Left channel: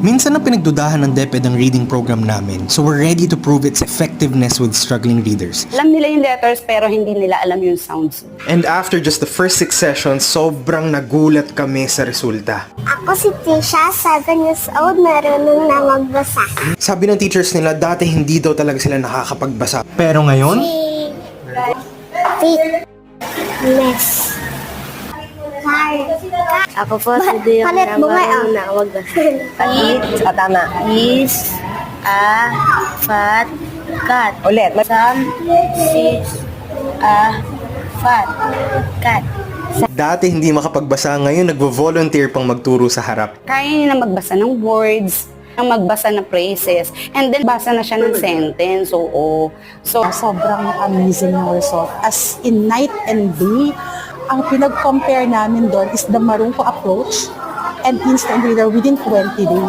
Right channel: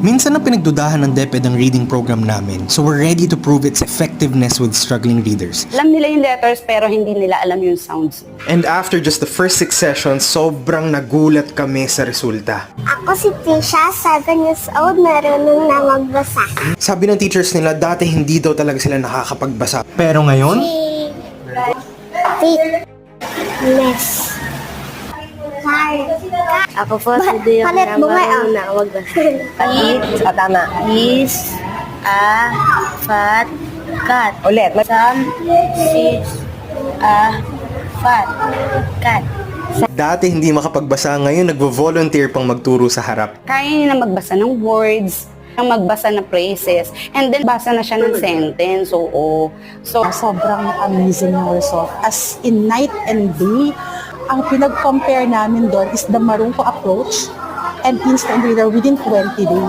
Minsan na pinagdudahan ng DepEd ang reading program namin, so we're ready to prove its effectiveness with struggling readers. Alam nila yung letters pero hindi nila alam yung sounds. And after just the first 6 sessions, sobrang nagulat kami sa resulta. Ako si Tisha, 7 years old, marunong na magbasa. Sabi ng teachers nila, dati hindi daw talaga sila nakakapagbasa. Pero ngayon, Fitness. Ako po si Dia Palit mo nga, na magbasa. Tama. Is, a, fat, cat. Ulit. Some, sis, a, fat, cat. dati hindi makapagbasa, ngayon nagvo-volunteer pang magturo sa harap. Kaya niya na magbasa ng words, na magbasa ng phrases, and then basa na siya ng sentence. Oo. So, Sobrang amazing yung result. As in night and day, ang pinag-compare namin doon is the Marunko approach and instant reader within 20 days.